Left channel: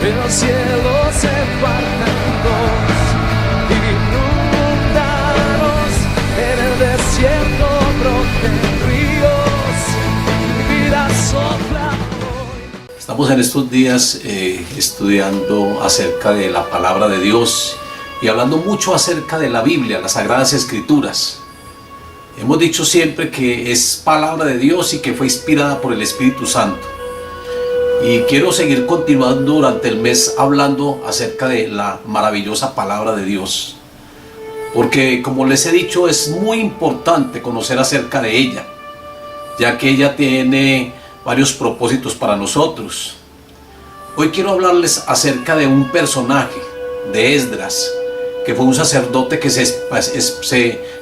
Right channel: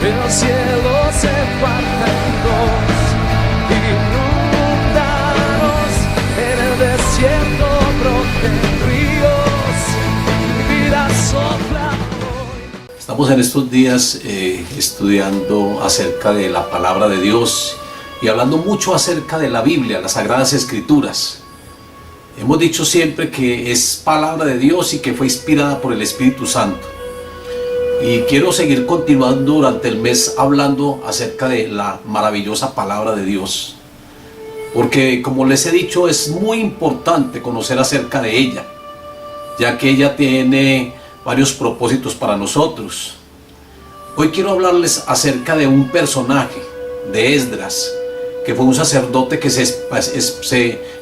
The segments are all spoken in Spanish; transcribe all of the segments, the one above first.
el cielo se parta en dos, inundados en el desierto broten ríos, mi vida sopla hoy. Estamos en estos días estudiando acerca de la palabra de Dios y hablando mucho acerca de la Biblia, las Sagradas Escrituras. Hemos dicho siempre que es palabra de Dios y que fue inspirada por el Espíritu Santo. Y quiero seguir continuando durante el mes hablando acerca de la maravillosa palabra de Dios. Porque, como les he dicho, es muy importante conocer acerca de ella, ya que ella tiene varios propósitos para nosotros. Hoy quiero hablarles acerca de un personaje, de Esdras, que fue un sacerdote que se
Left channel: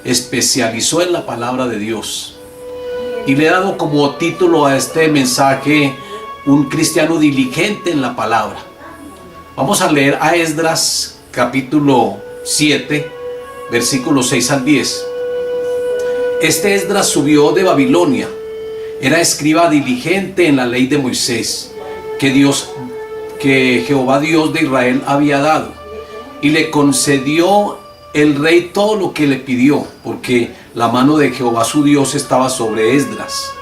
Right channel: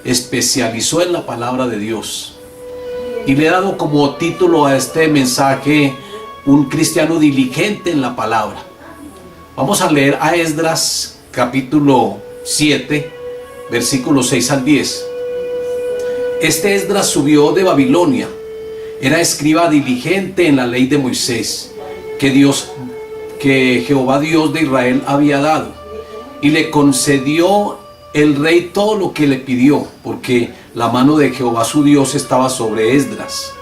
especializó en la palabra de Dios. Y le he dado como título a este mensaje: un cristiano diligente en la palabra. Vamos a leer a Esdras capítulo 7, versículos 6 al 10. Este Esdras subió de Babilonia. Era escriba diligente en la ley de Moisés, que Jehová Dios de Israel había dado. Y le concedió el rey todo lo que le pidió, porque la mano de Jehová su Dios estaba sobre Esdras.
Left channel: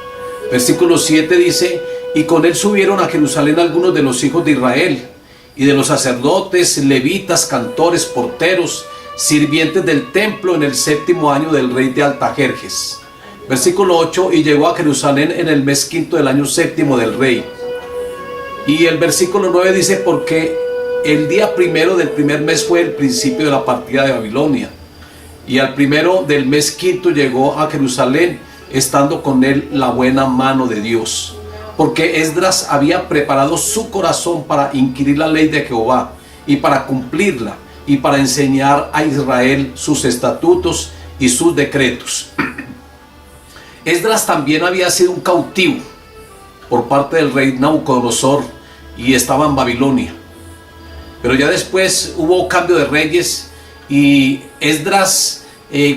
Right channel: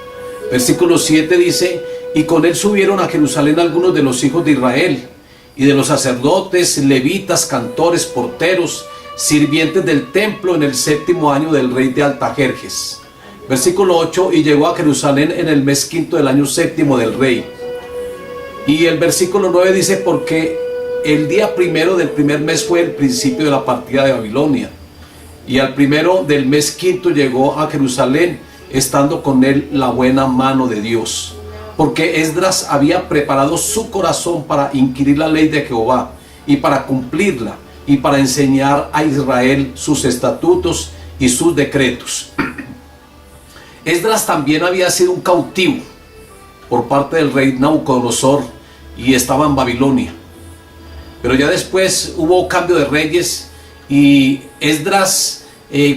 Versículo 7 dice: y con él subieron a Jerusalén algunos de los hijos de Israel, y de los sacerdotes, levitas, cantores, porteros, sirvientes del templo, en el 7º año del rey de Artajerjes. Versículo 8: y llegó a Jerusalén en el mes 5º del año 7º del rey. Y el versículo 9 dice: porque el día primero del primer mes fue el principio de la partida de Babilonia, y al primero del mes 5º llegó a Jerusalén, estando con él la buena mano de Dios. Porque Esdras había preparado su corazón para inquirir la ley de Jehová, y para cumplirla, y para enseñar a Israel sus estatutos y sus decretos. Esdras también había sido un cautivo por parte del rey Nabucodonosor, y estaba en Babilonia. Pero ya después hubo cambio de reyes, y Esdras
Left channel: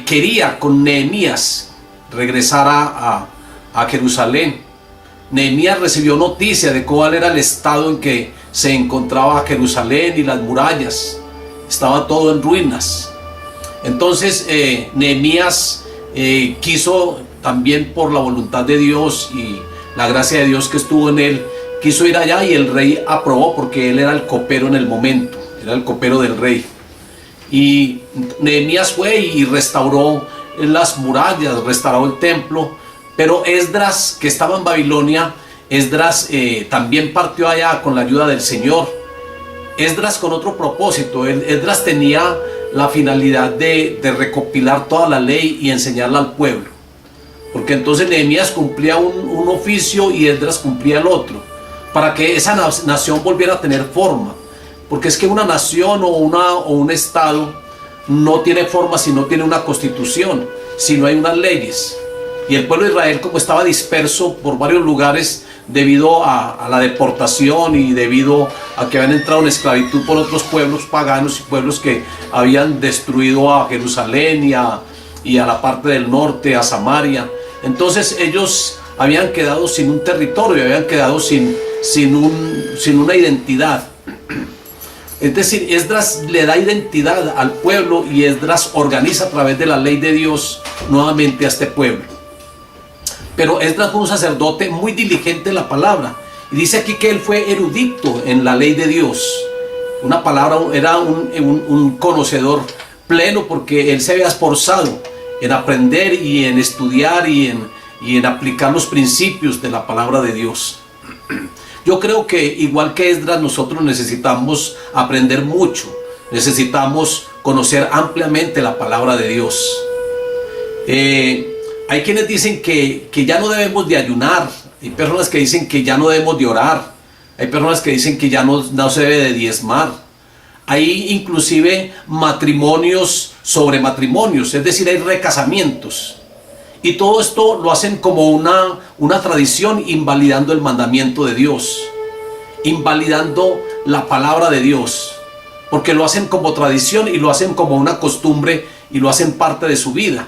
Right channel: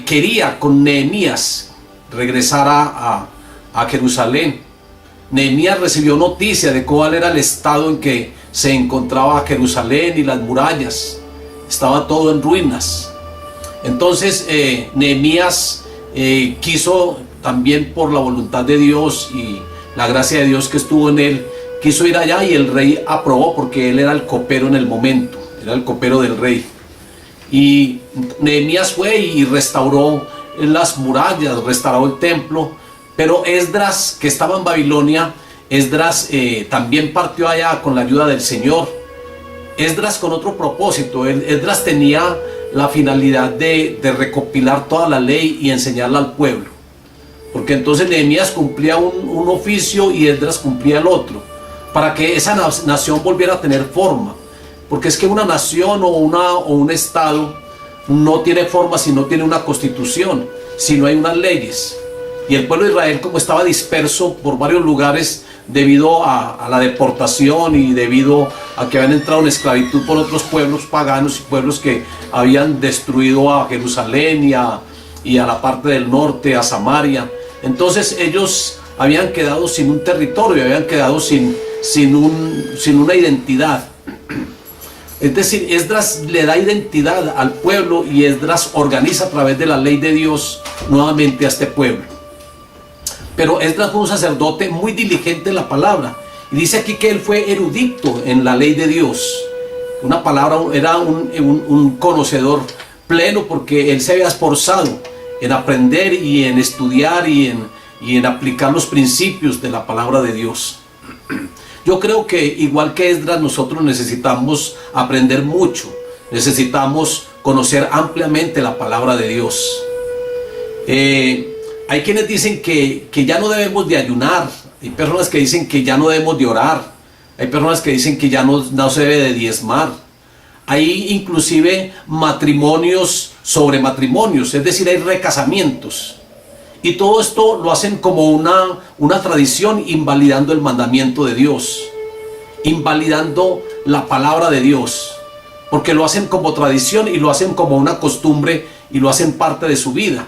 quería con Nehemías regresar a Jerusalén. Nehemías recibió noticia de cuál era el estado en que se encontraba Jerusalén y las murallas. Estaba todo en ruinas. Entonces Nehemías quiso, también por la voluntad de Dios y la gracia de Dios que estuvo en él, quiso ir allá, y el rey aprobó, porque él era el copero en el momento, era el copero del rey. Y Nehemías fue y restauró las murallas, restauró el templo. Pero Esdras, que estaba en Babilonia, Esdras también partió allá con la ayuda del Señor. Esdras con otro propósito. Esdras tenía la finalidad de recopilar toda la ley y enseñarla al pueblo. Porque entonces Nehemías cumplía un oficio y Esdras cumplía el otro, para que esa nación volviera a tener forma. Porque es que una nación o un estado no tiene forma si no tiene una constitución, si no hay unas leyes. Y el pueblo de Israel, como estaba disperso por varios lugares debido a la deportación y debido a que habían entrado en esclavitud por otros pueblos paganos y pueblos que habían destruido a Jerusalén y a la parte del norte, a Samaria. Entonces ellos habían quedado sin un territorio, habían quedado sin una identidad. Es decir, Esdras le da identidad al pueblo, y Esdras organiza a través de la ley de Dios nuevamente a este pueblo. Pero Esdras fue un sacerdote muy diligente en la palabra, y dice aquí que él fue erudito en la ley de Dios. Una palabra, era un conocedor pleno, porque él se había esforzado en aprender y en estudiar y en aplicar los principios de la palabra de Dios. Yo creo que igual que Esdras, nosotros necesitamos aprender mucho, necesitamos conocer ampliamente la palabra de Dios. Hay quienes dicen que ya no debemos de ayunar, hay personas que dicen que ya no debemos de orar, hay personas que dicen que ya no se debe de diezmar. Hay inclusive matrimonios sobre matrimonios, es decir, hay recasamientos. Y todo esto lo hacen como una tradición, invalidando el mandamiento de Dios, invalidando la palabra de Dios, porque lo hacen como tradición y lo hacen como una costumbre y lo hacen parte de su vida.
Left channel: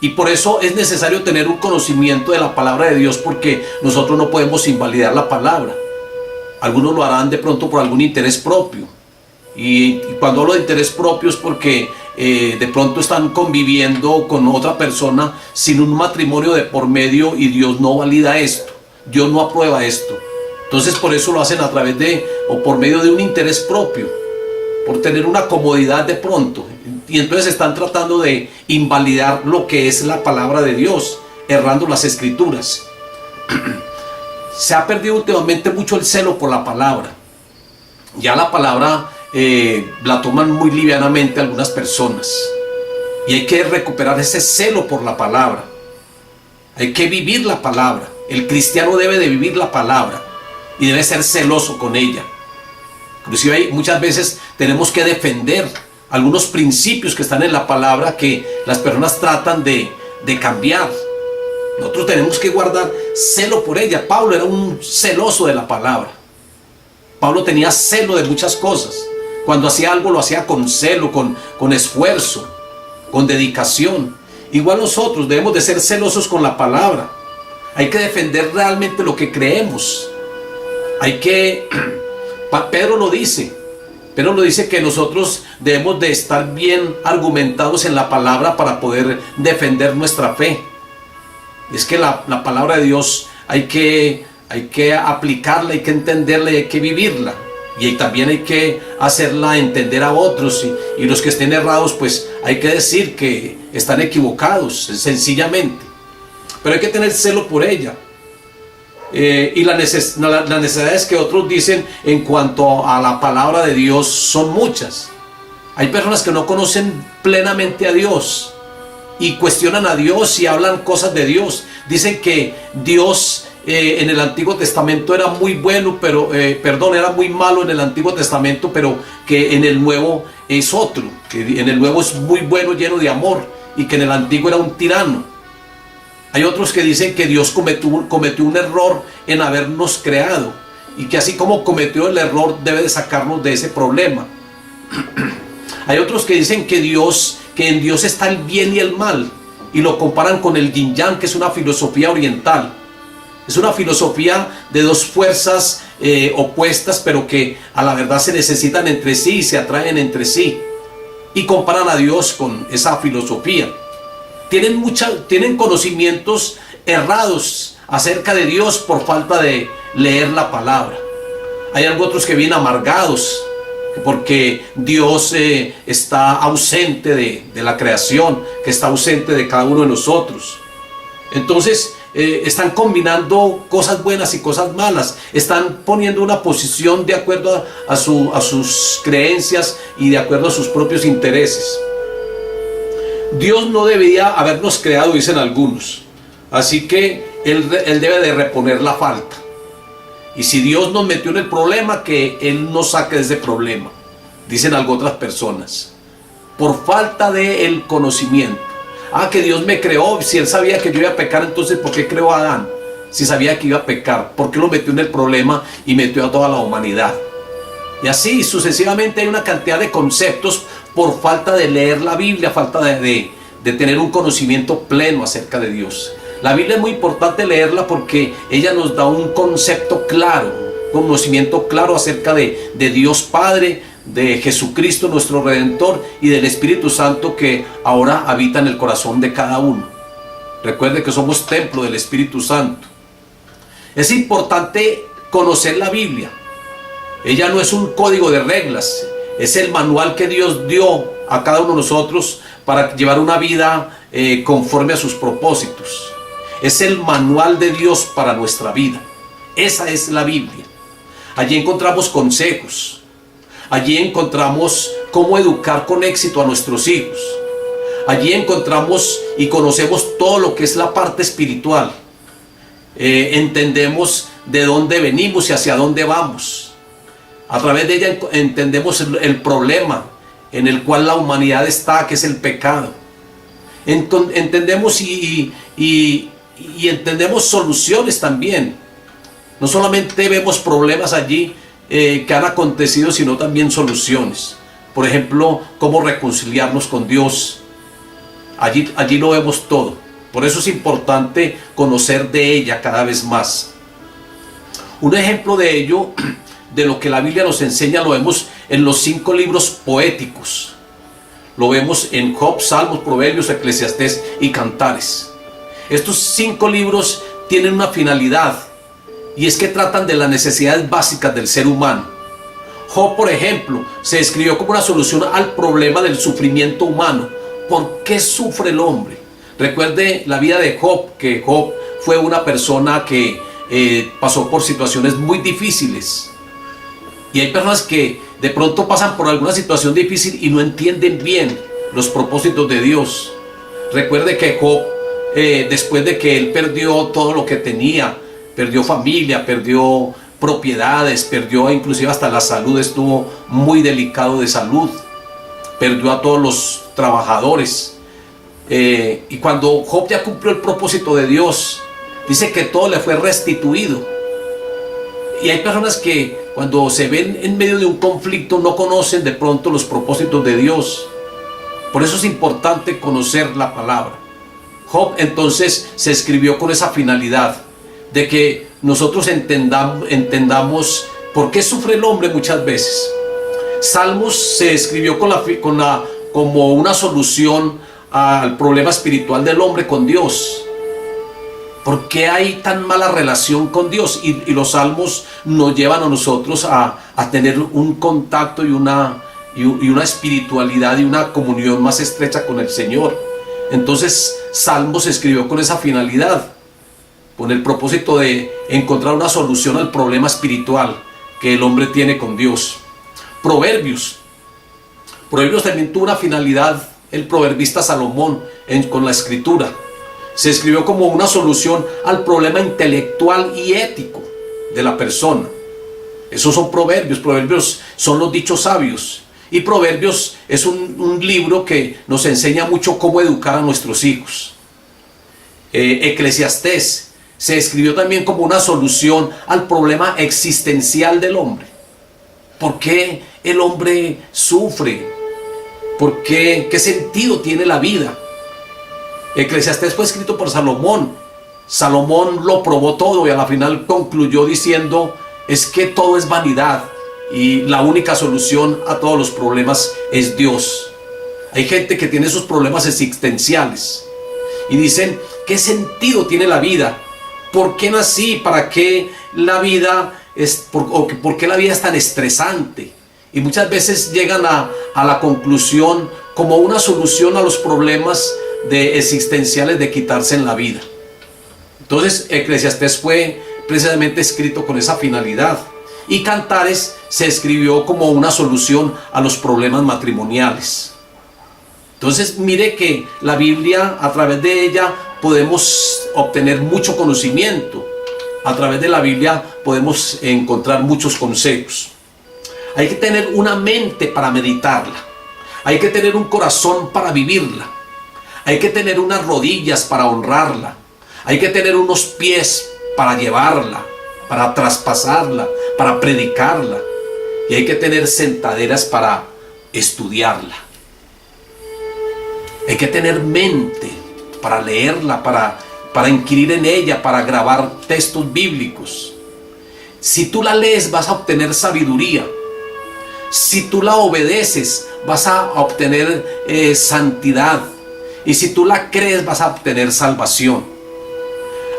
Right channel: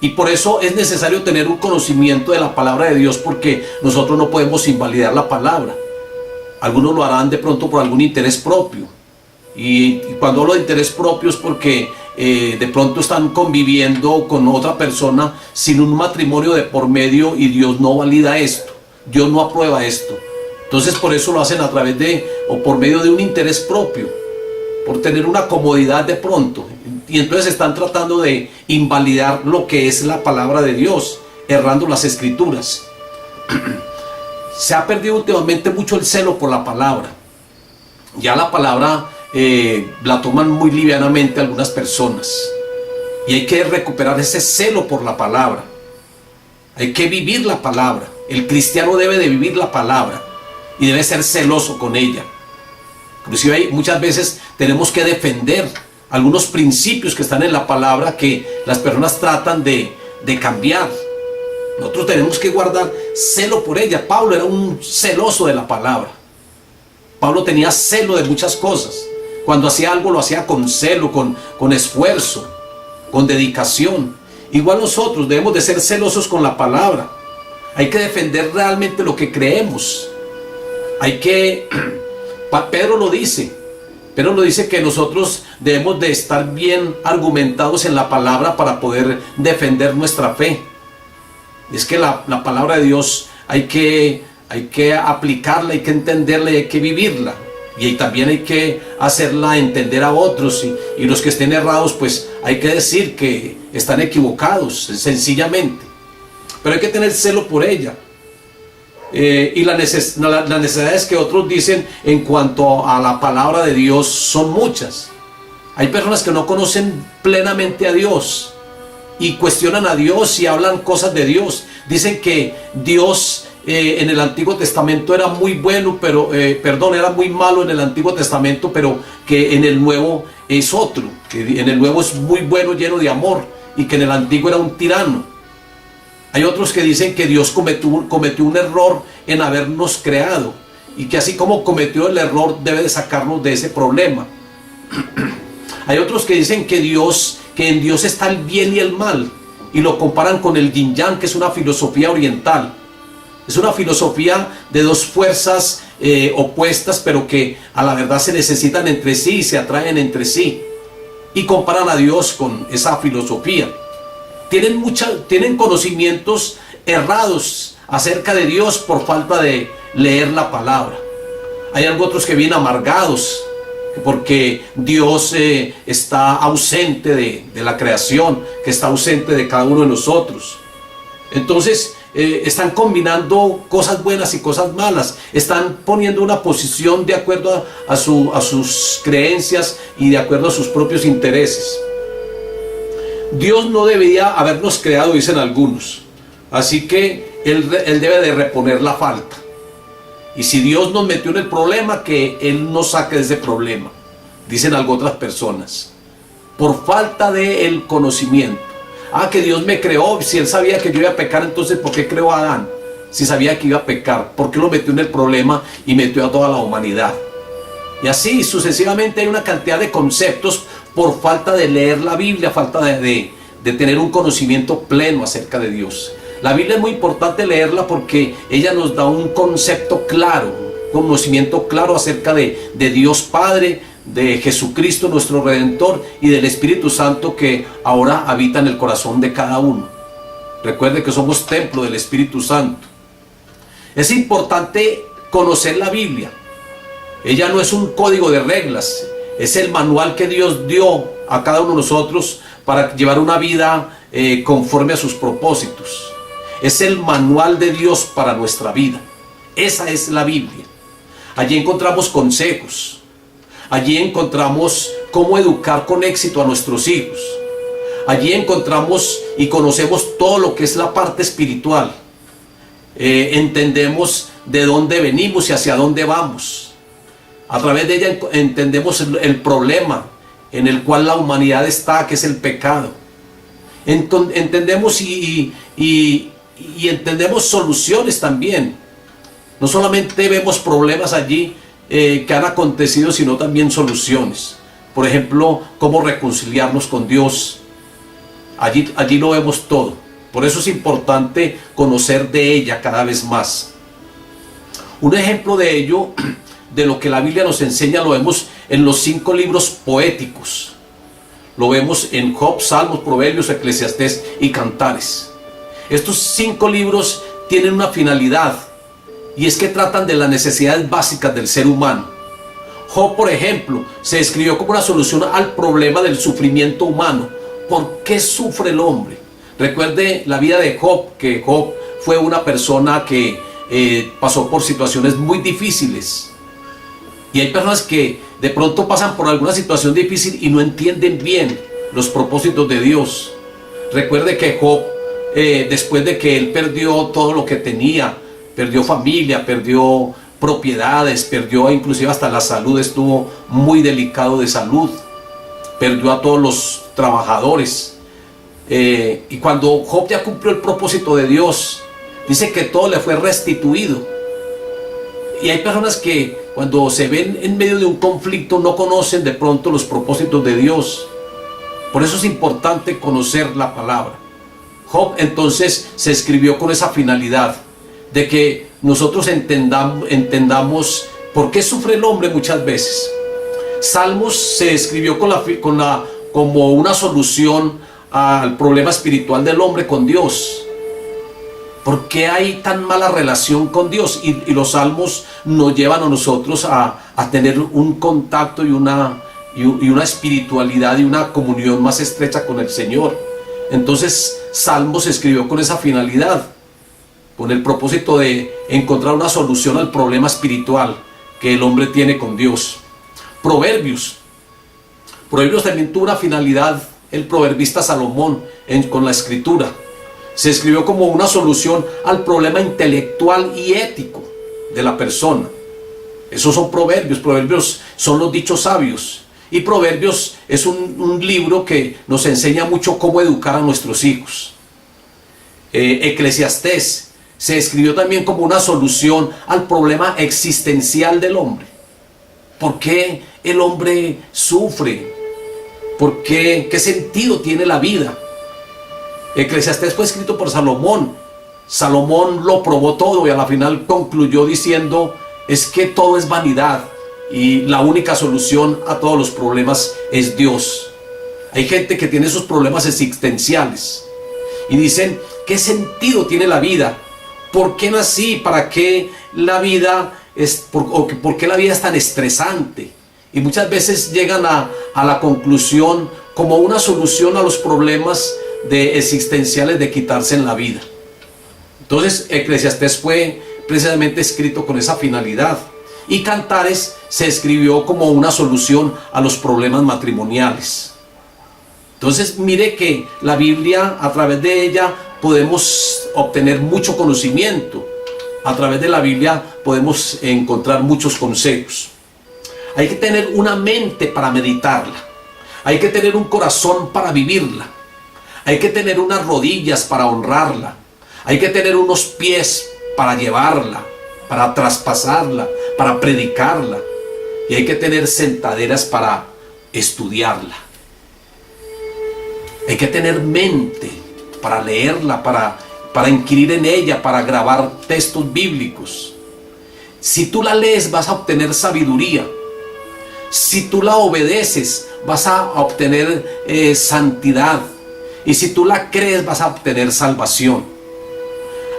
Y por eso es necesario tener un conocimiento de la palabra de Dios, porque nosotros no podemos invalidar la palabra. Algunos lo harán de pronto por algún interés propio. Y cuando hablo de interés propio es porque de pronto están conviviendo con otra persona sin un matrimonio de por medio y Dios no valida esto, Dios no aprueba esto. Entonces por eso lo hacen a través de o por medio de un interés propio, por tener una comodidad de pronto. Y entonces están tratando de invalidar lo que es la palabra de Dios, errando las escrituras. Se ha perdido últimamente mucho el celo por la palabra. Ya la palabra la toman muy livianamente algunas personas. Y hay que recuperar ese celo por la palabra. Hay que vivir la palabra. El cristiano debe de vivir la palabra y debe ser celoso con ella. Inclusive muchas veces tenemos que defender algunos principios que están en la palabra que las personas tratan de cambiar. Nosotros tenemos que guardar celo por ella. Pablo era un celoso de la palabra. Pablo tenía celo de muchas cosas. Cuando hacía algo lo hacía con celo, con esfuerzo, con dedicación. Igual nosotros debemos de ser celosos con la palabra. Hay que defender realmente lo que creemos. Pedro lo dice que nosotros debemos de estar bien argumentados en la palabra para poder defender nuestra fe. Es que la palabra de Dios hay que aplicarla, hay que entenderla y hay que vivirla. Y también hay que hacerla entender a otros. Y los que estén errados, pues hay que decir que están equivocados, sencillamente. Pero hay que tener celo por ella. Y las necesidades que otros dicen en cuanto a la palabra de Dios son muchas. Hay personas que no conocen plenamente a Dios y cuestionan a Dios y hablan cosas de Dios. Dicen que Dios en el Antiguo Testamento era muy bueno, era muy malo en el Antiguo Testamento, pero que en el Nuevo es otro, que en el Nuevo es muy bueno, lleno de amor, y que en el Antiguo era un tirano. Hay otros que dicen que Dios cometió un error en habernos creado y que así como cometió el error debe de sacarnos de ese problema. Hay otros que dicen que en Dios está el bien y el mal y lo comparan con el yin yang, que es una filosofía oriental. Es una filosofía de dos fuerzas opuestas, pero que a la verdad se necesitan entre sí y se atraen entre sí. Y comparan a Dios con esa filosofía. Tienen conocimientos errados acerca de Dios por falta de leer la palabra. Hay otros que vienen amargados porque Dios está ausente de la creación, que está ausente de cada uno de nosotros. Entonces están combinando cosas buenas y cosas malas. Están poniendo una posición de acuerdo a sus creencias y de acuerdo a sus propios intereses. Dios no debería habernos creado, dicen algunos. Así que Él debe de reponer la falta. Y si Dios nos metió en el problema, que Él nos saque de ese problema, dicen otras personas. Por falta del conocimiento. Que Dios me creó. Si Él sabía que yo iba a pecar, entonces ¿por qué creó a Adán? Si sabía que iba a pecar, ¿por qué lo metió en el problema y metió a toda la humanidad? Y así sucesivamente hay una cantidad de conceptos por falta de leer la Biblia, falta de tener un conocimiento pleno acerca de Dios. La Biblia es muy importante leerla porque ella nos da un concepto claro, un conocimiento claro acerca de Dios Padre, de Jesucristo nuestro Redentor y del Espíritu Santo que ahora habita en el corazón de cada uno. Recuerde que somos templo del Espíritu Santo. Es importante conocer la Biblia. Ella no es un código de reglas, es el manual que Dios dio a cada uno de nosotros para llevar una vida conforme a sus propósitos. Es el manual de Dios para nuestra vida. Esa es la Biblia. Allí encontramos consejos. Allí encontramos cómo educar con éxito a nuestros hijos. Allí encontramos y conocemos todo lo que es la parte espiritual. Entendemos de dónde venimos y hacia dónde vamos. A través de ella entendemos el problema en el cual la humanidad está, que es el pecado. Entendemos y entendemos soluciones también. No solamente vemos problemas allí que han acontecido, sino también soluciones. Por ejemplo, cómo reconciliarnos con Dios. Allí lo vemos todo. Por eso es importante conocer de ella cada vez más. Un ejemplo de ello de lo que la Biblia nos enseña lo vemos en los 5 libros poéticos. Lo vemos en Job, Salmos, Proverbios, Eclesiastés y Cantares. Estos 5 libros tienen una finalidad, y es que tratan de las necesidades básicas del ser humano. Job, por ejemplo, se describió como una solución al problema del sufrimiento humano. ¿Por qué sufre el hombre? Recuerde la vida de Job, que Job fue una persona que pasó por situaciones muy difíciles. Y hay personas que de pronto pasan por alguna situación difícil y no entienden bien los propósitos de Dios. Recuerde que Job, después de que él perdió todo lo que tenía, perdió familia, perdió propiedades, perdió inclusive hasta la salud, estuvo muy delicado de salud, perdió a todos los trabajadores, y cuando Job ya cumplió el propósito de Dios, dice que todo le fue restituido. Y hay personas que cuando se ven en medio de un conflicto no conocen de pronto los propósitos de Dios. Por eso es importante conocer la palabra. Job entonces se escribió con esa finalidad de que nosotros entendamos por qué sufre el hombre muchas veces. Salmos se escribió como una solución al problema espiritual del hombre con Dios. ¿Por qué hay tan mala relación con Dios? Y los salmos nos llevan a nosotros a tener un contacto y una espiritualidad y una comunión más estrecha con el Señor. Entonces, Salmos se escribió con esa finalidad, con el propósito de encontrar una solución al problema espiritual que el hombre tiene con Dios. Proverbios también tuvo una finalidad, el proverbista Salomón, con la escritura. Se escribió como una solución al problema intelectual y ético de la persona. Esos son proverbios. Proverbios son los dichos sabios. Y Proverbios es un libro que nos enseña mucho cómo educar a nuestros hijos. Eclesiastés se escribió también como una solución al problema existencial del hombre. ¿Por qué el hombre sufre? ¿Por qué? ¿Qué sentido tiene la vida? Eclesiastés fue escrito por Salomón. Salomón lo probó todo y a la final concluyó diciendo: es que todo es vanidad y la única solución a todos los problemas es Dios. Hay gente que tiene esos problemas existenciales y dicen: ¿qué sentido tiene la vida? ¿Por qué nací? ¿Para qué la vida por qué la vida es tan estresante? Y muchas veces llegan a la conclusión como una solución a los problemas existenciales de quitarse en la vida. Entonces Eclesiastés fue precisamente escrito con esa finalidad. Y Cantares se escribió como una solución a los problemas matrimoniales. Entonces mire que la Biblia, a través de ella podemos obtener mucho conocimiento. A través de la Biblia podemos encontrar muchos consejos. Hay que tener una mente para meditarla. Hay que tener un corazón para vivirla. Hay que tener unas rodillas para honrarla. Hay que tener unos pies para llevarla, para traspasarla, para predicarla. Y hay que tener sentaderas para estudiarla. Hay que tener mente para leerla, para inquirir en ella, para grabar textos bíblicos. Si tú la lees, vas a obtener sabiduría. Si tú la obedeces, vas a obtener santidad. Y si tú la crees, vas a obtener salvación.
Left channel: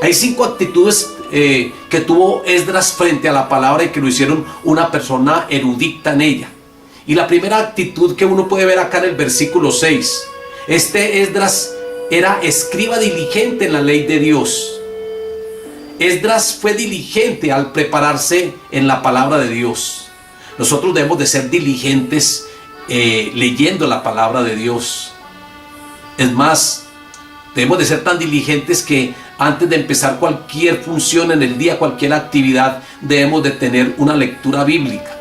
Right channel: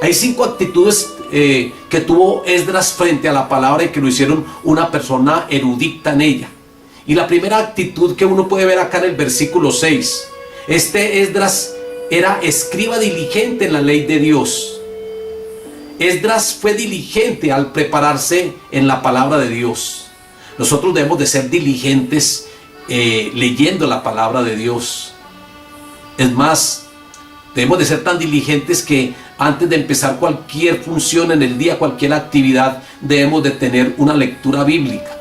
Hay 5 actitudes que tuvo Esdras frente a la palabra y que lo hicieron una persona erudita en ella. Y la primera actitud que uno puede ver acá en el versículo 6. Esdras era escriba diligente en la ley de Dios. Esdras fue diligente al prepararse en la palabra de Dios. Nosotros debemos de ser diligentes leyendo la palabra de Dios. Es más, debemos de ser tan diligentes que antes de empezar cualquier función en el día, cualquier actividad, debemos de tener una lectura bíblica.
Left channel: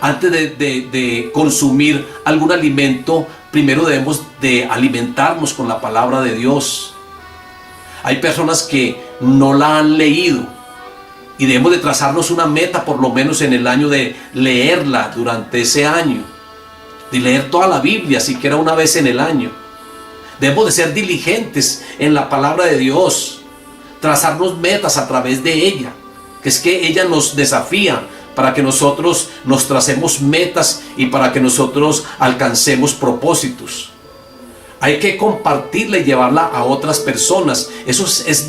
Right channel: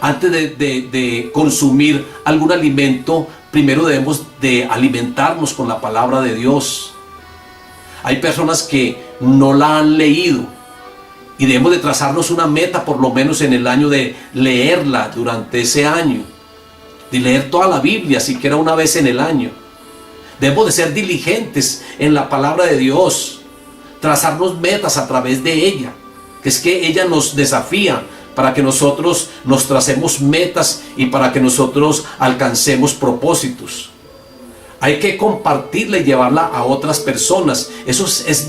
Antes de consumir algún alimento, primero debemos de alimentarnos con la palabra de Dios. Hay personas que no la han leído y debemos de trazarnos una meta por lo menos en el año de leerla durante ese año, de leer toda la Biblia siquiera una vez en el año. Debemos de ser diligentes en la palabra de Dios, trazarnos metas a través de ella, que es que ella nos desafía para que nosotros nos tracemos metas y para que nosotros alcancemos propósitos. Hay que compartirla y llevarla a otras personas. Eso es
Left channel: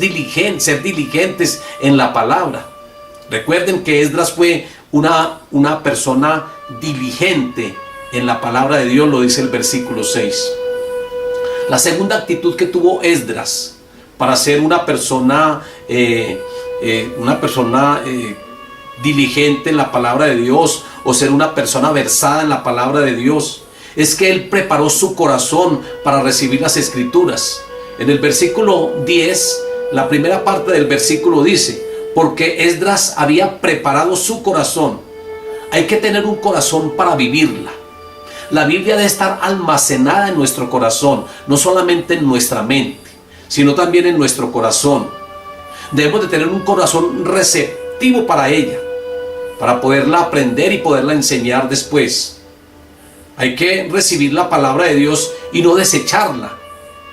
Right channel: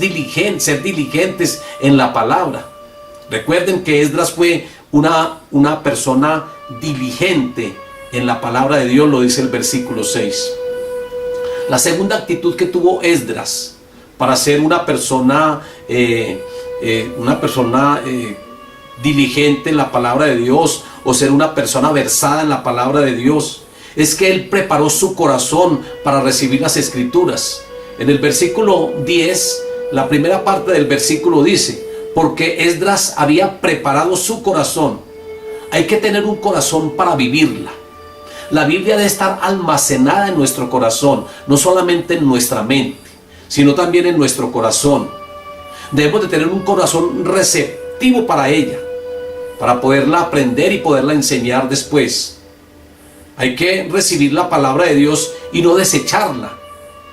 ser diligentes en la palabra. Recuerden que Esdras fue una persona diligente en la palabra de Dios, lo dice el versículo 6. La segunda actitud que tuvo Esdras para ser una persona diligente en la palabra de Dios, o ser una persona versada en la palabra de Dios, es que él preparó su corazón para recibir las escrituras. En el versículo 10, la primera parte del versículo dice: porque Esdras había preparado su corazón. Hay que tener un corazón para vivirla. La Biblia debe estar almacenada en nuestro corazón, no solamente en nuestra mente, sino también en nuestro corazón. Debemos de tener un corazón receptivo para ella, para poderla aprender y poderla enseñar después. Hay que recibir la palabra de Dios y no desecharla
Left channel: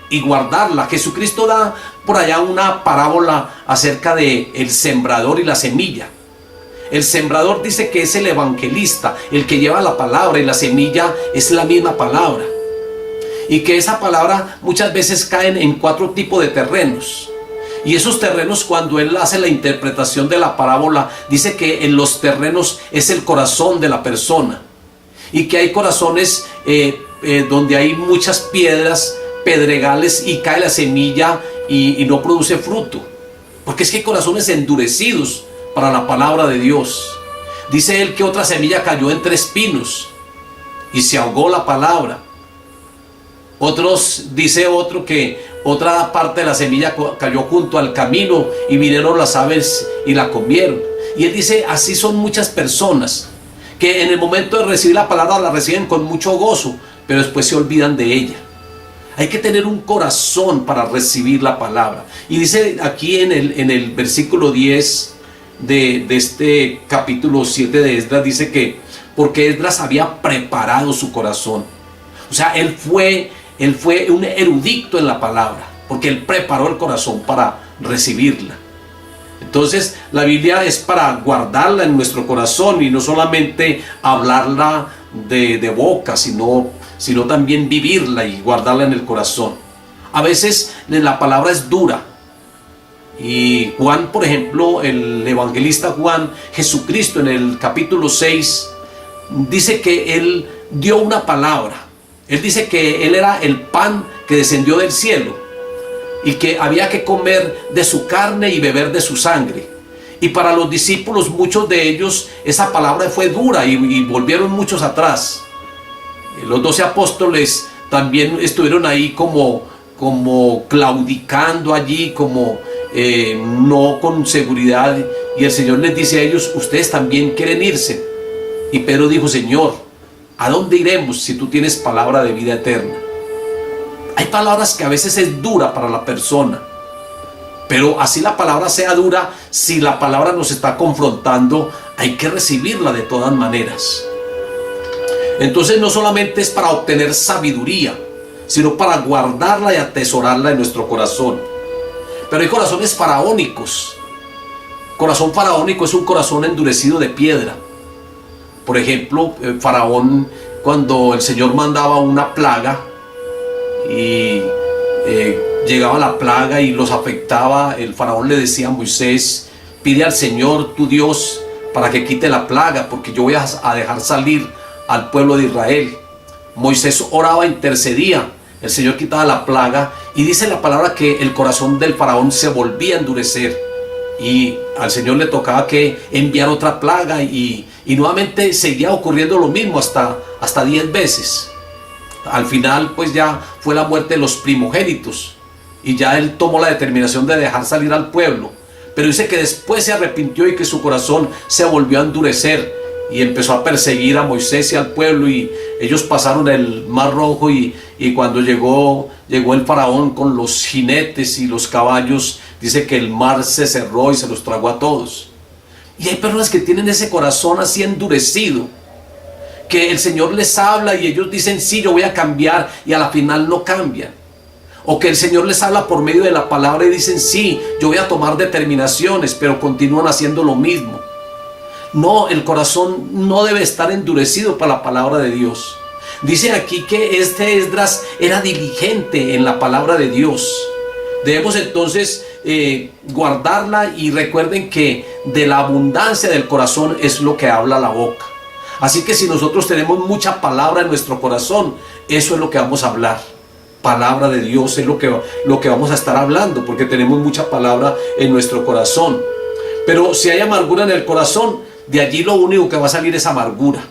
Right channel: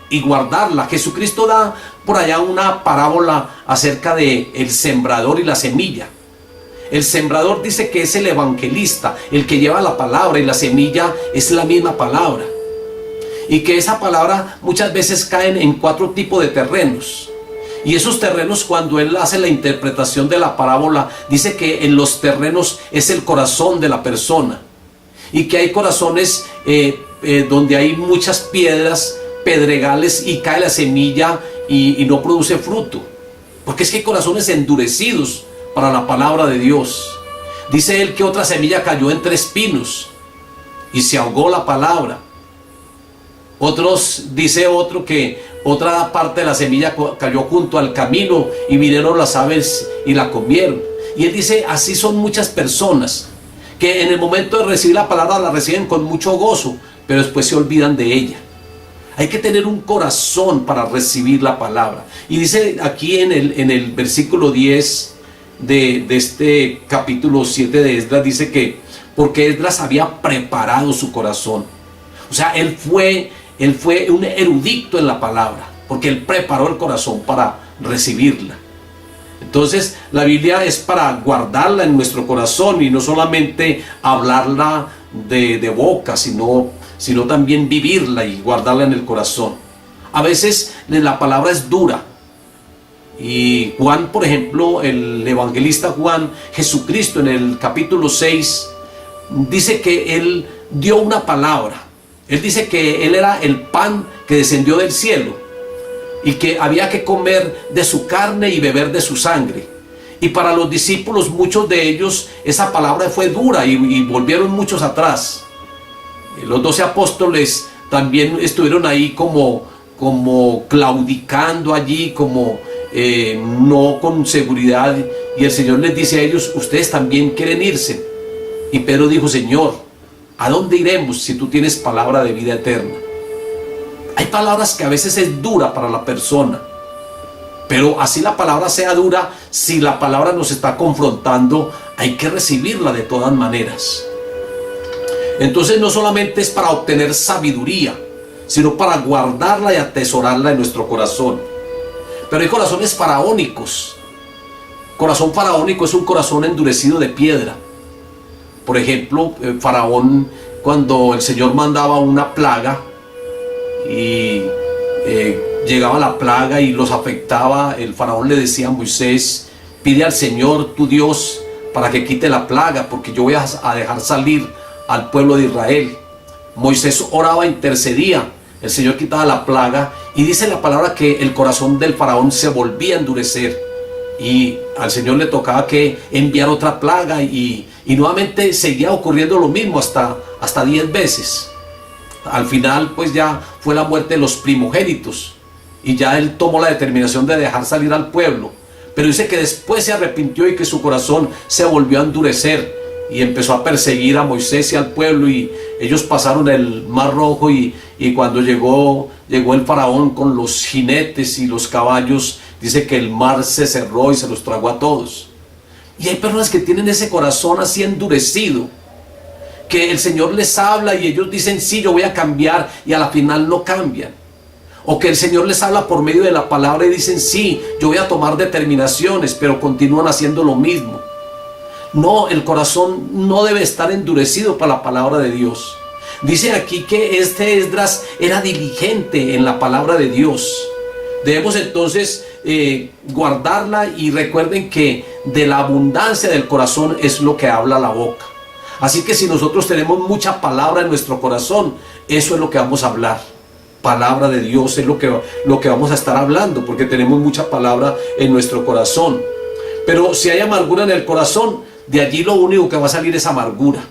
y guardarla. Jesucristo da por allá una parábola acerca de el sembrador y la semilla. El sembrador dice que es el evangelista, el que lleva la palabra, y la semilla es la misma palabra. Y que esa palabra muchas veces caen en 4 tipos de terrenos. Y esos terrenos, cuando él hace la interpretación de la parábola, dice que en los terrenos es el corazón de la persona. Y que hay corazones donde hay muchas piedras, pedregales, y cae la semilla y no produce fruto. Porque es que hay corazones endurecidos para la palabra de Dios. Dice él que otra semilla cayó entre espinos y se ahogó la palabra. Dice otro que otra parte de la semilla cayó junto al camino y vinieron las aves y la comieron. Y él dice, así son muchas personas que en el momento de recibir la palabra la reciben con mucho gozo, pero después se olvidan de ella. Hay que tener un corazón para recibir la palabra. Y dice aquí en el versículo 10 de este capítulo 7 de Esdras, dice que porque Esdras había preparado su corazón. O sea, él fue un erudito en la palabra, porque él preparó el corazón para recibirla. Entonces la Biblia es para guardarla en nuestro corazón y no solamente hablarla de boca, sino también vivirla y guardarla en el corazón. A veces la palabra es dura. Y Juan, por ejemplo, el evangelista Juan, Jesucristo en el capítulo 6, dice que él dio una palabra. Él dice que él era el pan que descendió del cielo y que había que comer de su carne y beber de su sangre. Y para los discípulos, muchos de ellos, esa palabra fue dura y volvieron muchos atrás. Los 12 apóstoles también estuvieron ahí como claudicando allí, no con seguridad. Y el Señor les dice a ellos, ustedes también quieren irse. Y Pedro dijo, Señor, ¿a dónde iremos si tú tienes palabra de vida eterna? Hay palabras que a veces es dura para la persona, pero así la palabra sea dura, si la palabra nos está confrontando, hay que recibirla de todas maneras. Entonces no solamente es para obtener sabiduría, sino para guardarla y atesorarla en nuestro corazón. Pero hay corazones faraónicos. Corazón faraónico es un corazón endurecido de piedra. Por ejemplo, Faraón, cuando el Señor mandaba una plaga y llegaba la plaga y los afectaba, el Faraón le decía a Moisés, pide al Señor tu Dios para que quite la plaga, porque yo voy a dejar salir al pueblo de Israel. Moisés oraba, intercedía, el Señor quitaba la plaga, y dice la palabra que el corazón del Faraón se volvía a endurecer y al Señor le tocaba que enviar otra plaga y nuevamente seguía ocurriendo lo mismo hasta 10 veces. Al final pues ya fue la muerte de los primogénitos y ya él tomó la determinación de dejar salir al pueblo, pero dice que después se arrepintió y que su corazón se volvió a endurecer y empezó a perseguir a Moisés y al pueblo, y ellos pasaron el Mar Rojo y cuando llegó el Faraón con los jinetes y los caballos, dice que el mar se cerró y se los tragó a todos. Y hay personas que tienen ese corazón así endurecido, que el Señor les habla y ellos dicen sí, yo voy a cambiar, y a la final no cambian. O que el Señor les habla por medio de la palabra y dicen sí, yo voy a tomar determinaciones, pero continúan haciendo lo mismo. No, el corazón no debe estar endurecido para la palabra de Dios. Dice aquí que este Esdras era diligente en la palabra de Dios. Debemos entonces guardarla, y recuerden que de la abundancia del corazón es lo que habla la boca. Así que si nosotros tenemos mucha palabra en nuestro corazón, eso es lo que vamos a hablar. Palabra de Dios es lo que vamos a estar hablando, porque tenemos mucha palabra en nuestro corazón. Pero si hay amargura en el corazón, de allí lo único que va a salir es amargura.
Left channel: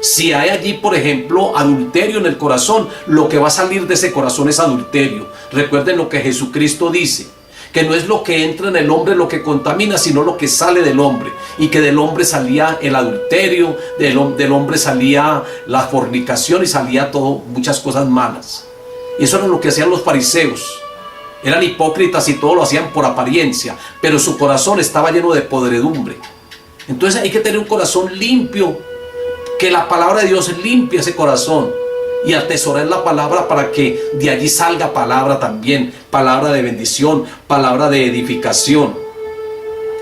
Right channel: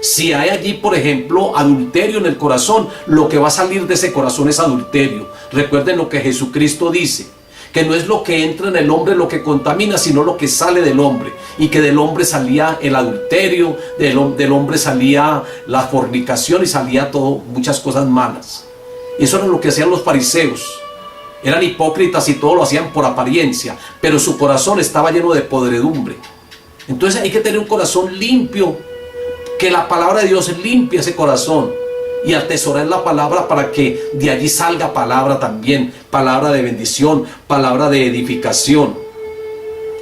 Si hay allí, por ejemplo, adulterio en el corazón, lo que va a salir de ese corazón es adulterio. Recuerden lo que Jesucristo dice, que no es lo que entra en el hombre lo que contamina, sino lo que sale del hombre. Y que del hombre salía el adulterio, del hombre salía la fornicación y salía todo, muchas cosas malas. Y eso era lo que hacían los fariseos. Eran hipócritas y todo lo hacían por apariencia, pero su corazón estaba lleno de podredumbre. Entonces hay que tener un corazón limpio, que la palabra de Dios limpie ese corazón, y atesorar la palabra para que de allí salga palabra también, palabra de bendición, palabra de edificación.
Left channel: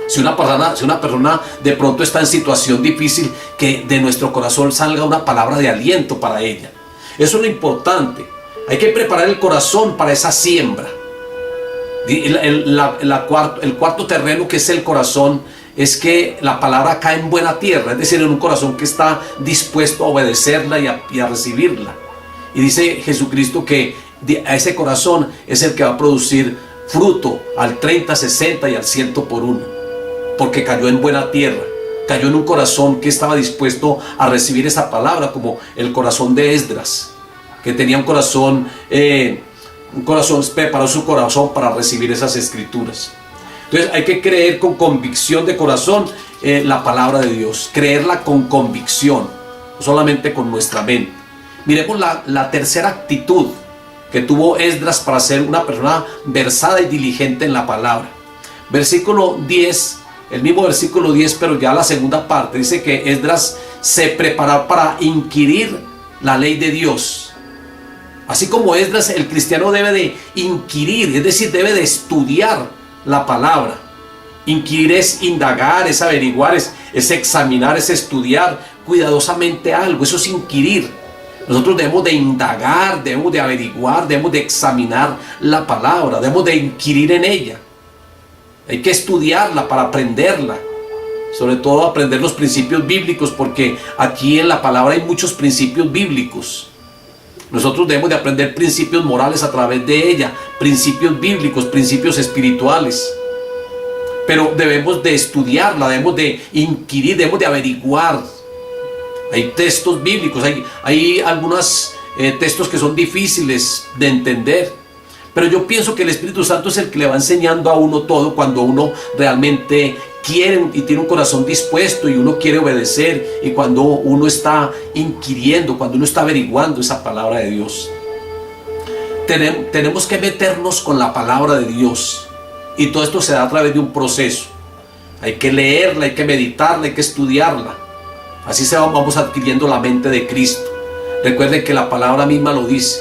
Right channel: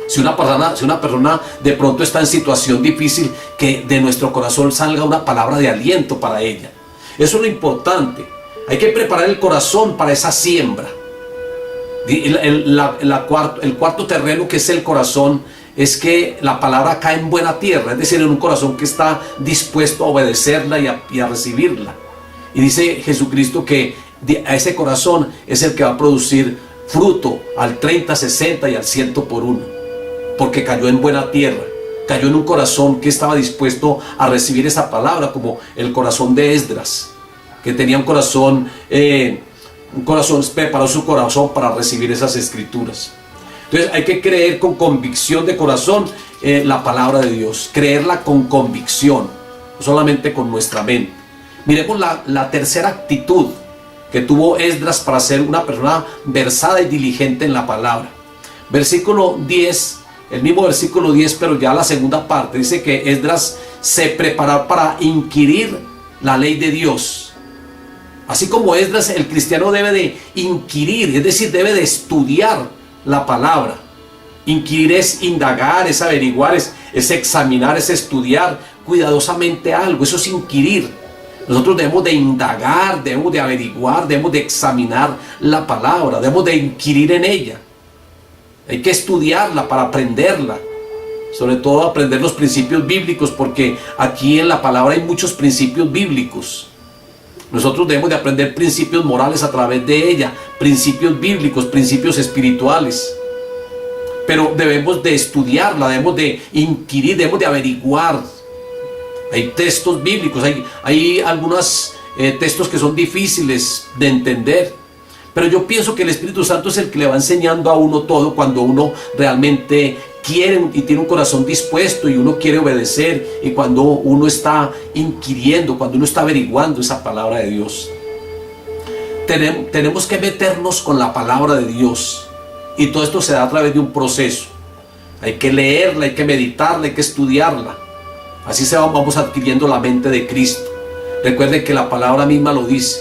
Si una persona de pronto está en situación difícil, que de nuestro corazón salga una palabra de aliento para ella. Eso es lo importante. Hay que preparar el corazón para esa siembra. El cuarto terreno, que es el corazón, es que la palabra cae en buena tierra, es decir, en un corazón que está dispuesto a obedecerla y a recibirla. Y dice Jesucristo que a ese corazón es el que va a producir fruto al 30, 60 y al 100 por uno, porque cayó en buena tierra, cayó en un corazón que estaba dispuesto a recibir esa palabra, como el corazón de Esdras, que tenía un corazón, preparó su corazón para recibir esas escrituras. Entonces hay que creer con convicción de corazón la palabra de Dios, creerla con convicción, no solamente con nuestra mente. Miremos la tercera actitud que tuvo Esdras para ser una persona versada y diligente en la palabra. Versículo 10, el mismo versículo 10, pero ya la segunda parte, dice que Esdras se preparó para inquirir la ley de Dios. Así como Esdras, el cristiano debe de inquirir, es decir, debe de estudiar la palabra. Inquirir es indagar, es averiguar, es examinar, es estudiar cuidadosamente algo. Eso es inquirir. Nosotros debemos de indagar, debemos de averiguar, debemos de examinar la palabra, debemos de inquirir en ella. Hay que estudiarla para aprenderla, sobre todo aprender los principios bíblicos, porque aquí en la palabra hay muchos principios bíblicos. Nosotros debemos de aprender principios morales a través de ella, principios bíblicos, principios espirituales. Pero debemos de estudiarla, debemos de inquirir, debemos de averiguar. Hay textos bíblicos, hay algunos textos que son difíciles de entender. Pero yo pienso que el Espíritu Santo es el que le va enseñando a uno todo cuando uno realmente quiere y tiene un corazón dispuesto y uno quiere obedecer, y cuando uno está inquiriendo, cuando uno está averiguando esa palabra de Dios. Tenemos que meternos con la palabra de Dios, y todo esto se da a través de un proceso. Hay que leerla, hay que meditarla, hay que estudiarla. Así vamos adquiriendo la mente de Cristo. Recuerden que la palabra misma lo dice.